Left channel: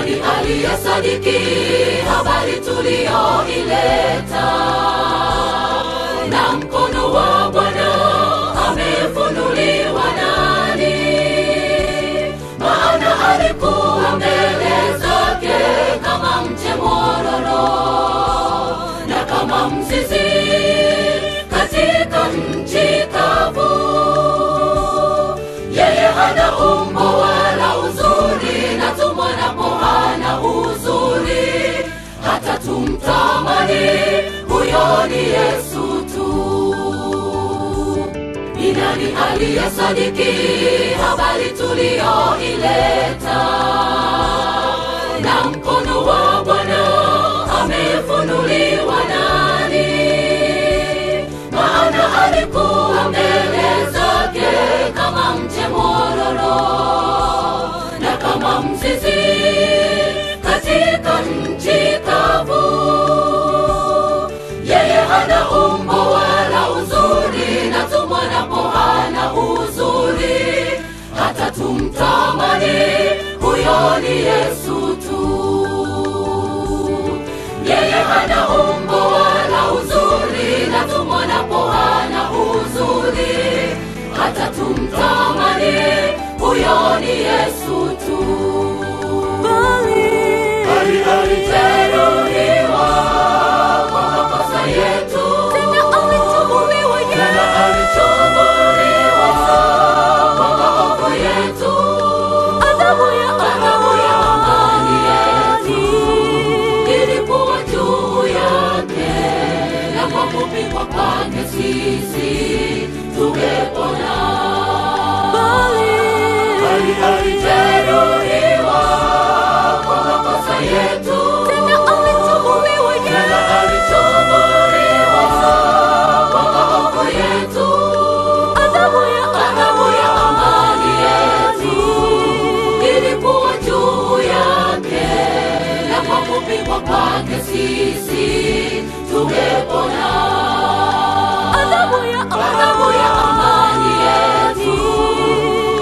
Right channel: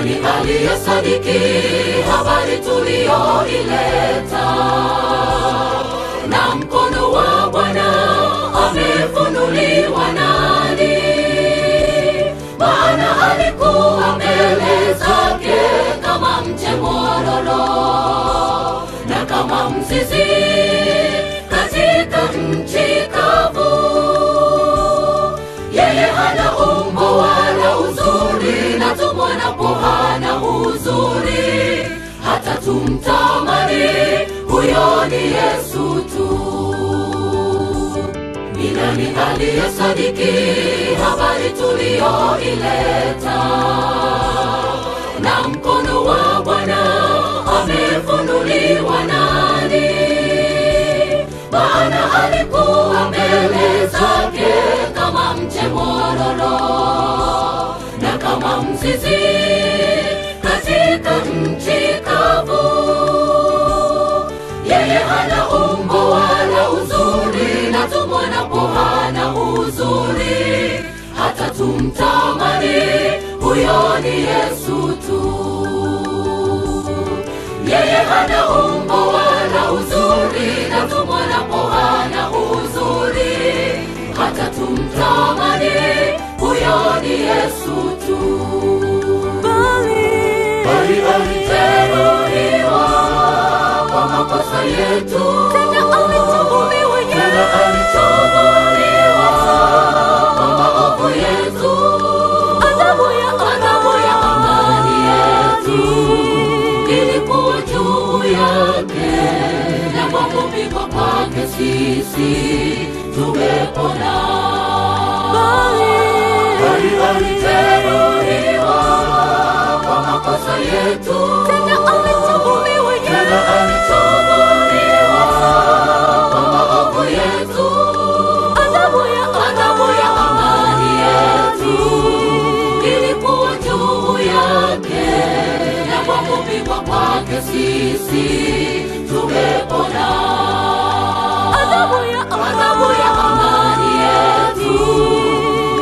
nani aliyesadiki habari tuliyoileta? Na mkono wa Bwana amefunuliwa nani? Maana alikuwa mbele zake kama mche mwororo na kama mzizi katika nchi kavu. Yeye hana umbo wala uzuri, na tumwonapo hana uzuri hata tumtamani. Huyo ni Yesu tu. Ni nani aliyesadiki habari tuliyoileta? Na mkono wa Bwana amefunuliwa nani? Maana alikuwa mbele zake kama mche mwororo na kama mzizi katika nchi kavu. Yeye hana umbo wala uzuri, na tumwonapo hana uzuri hata tumtamani. Huyo ni Yesu tu. Yeye hana umbo wala uzuri, na tumwonapo hana uzuri hata tumtamani. Huyo ni Yesu tu. Bali aliteruliwa kwa makosa yetu, tena alitubuliwa Yesu kwa maovu yetu. Adhabu ya amani ilikuwa juu yake, na kwa kupigwa kwake sisi tumepona. Bali aliteruliwa kwa makosa yetu, tena alitubuliwa Yesu kwa maovu yetu. Adhabu ya amani ilikuwa juu yake, na kwa kupigwa kwake sisi tumepona. Adhabu ya amani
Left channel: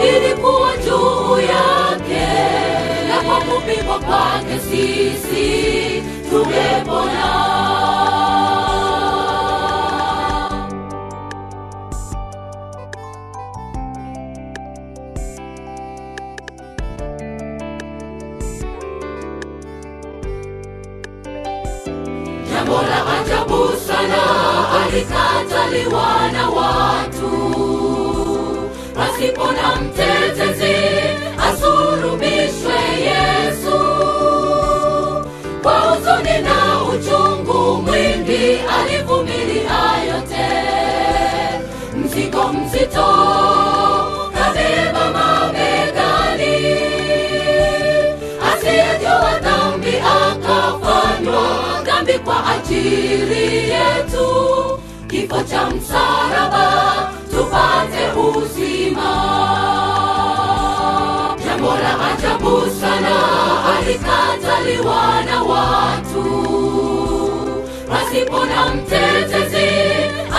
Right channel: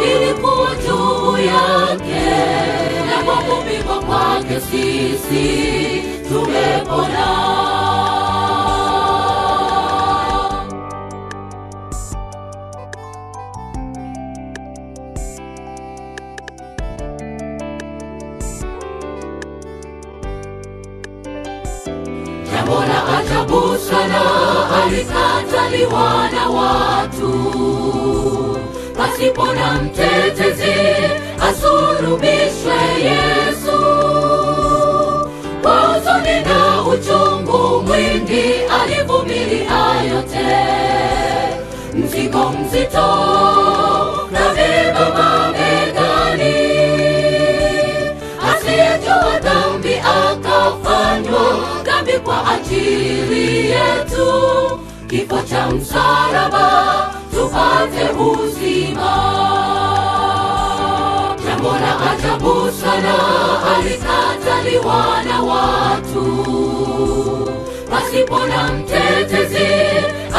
ilikuwa juu yake, na kwa kupigwa kwake sisi tumepona. Jambo la ajabu sana, alikataliwa na watu pasipo na mtetezi, asulubishwe Yesu. Kwa huzuni na uchungu mwingi alivumilia yote, mzigo mzito na beba mabegani. Asiyejua dhambi akafanywa dhambi kwa ajili yetu, kifo cha msalaba tupate uzima. Jambo la ajabu sana, alikataliwa na watu pasipo na mtetezi,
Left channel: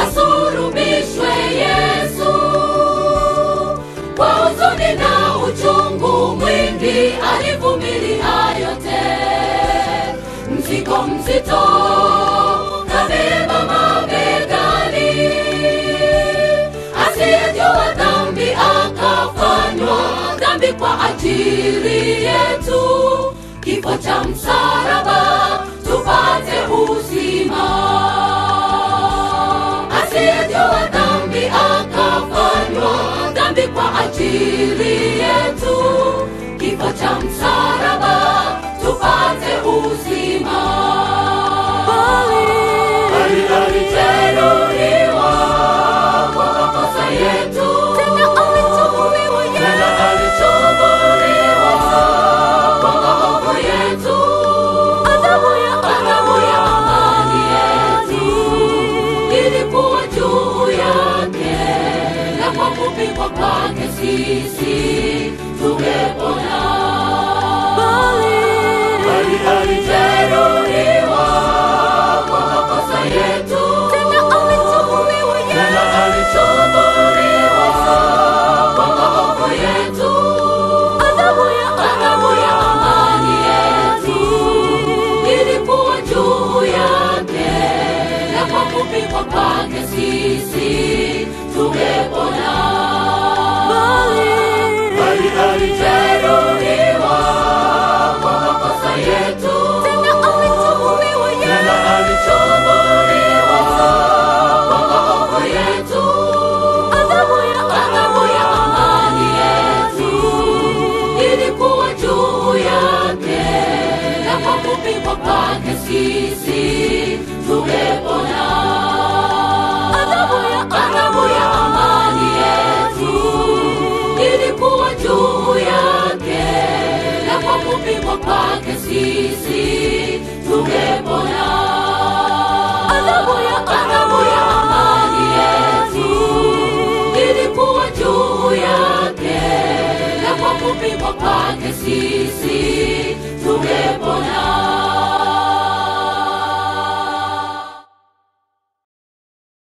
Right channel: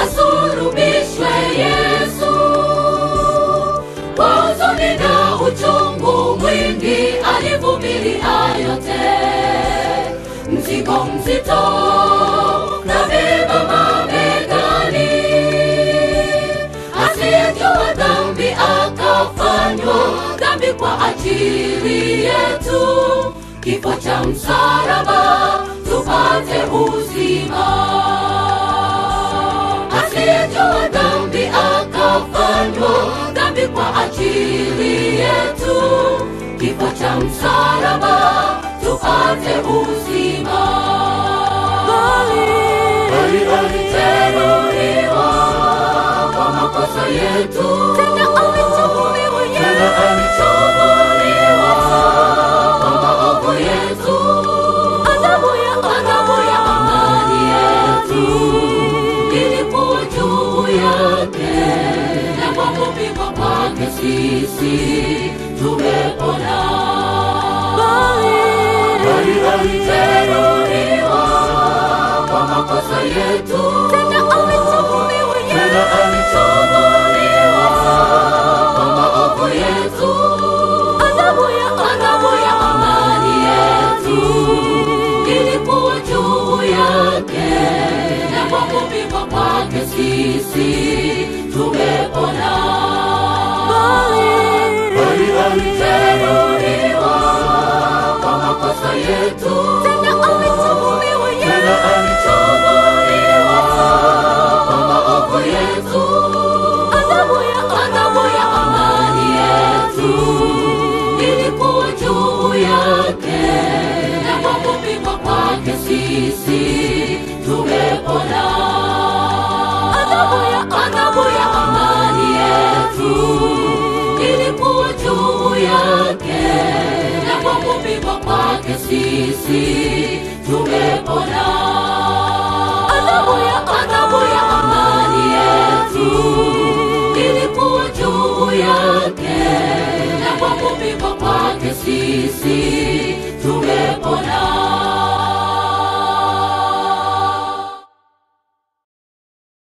asulubishwe Yesu. Kwa huzuni na uchungu mwingi alivumilia yote, mzigo mzito na beba mabegani. Asiyejua dhambi akafanywa dhambi kwa ajili yetu, kifo cha msalaba tupate uzima. Asiyejua dhambi akafanywa dhambi kwa ajili yetu, kifo cha msalaba tupate uzima. Bali aliteruliwa kwa makosa yetu, tena alitubuliwa Yesu kwa maovu yetu. Adhabu ya amani ilikuwa juu yake, na kwa kupigwa kwake sisi tumepona. Bali sisi tumepona. Adhabu ya amani ilikuwa juu yake, na kwa kupigwa kwake sisi tumepona.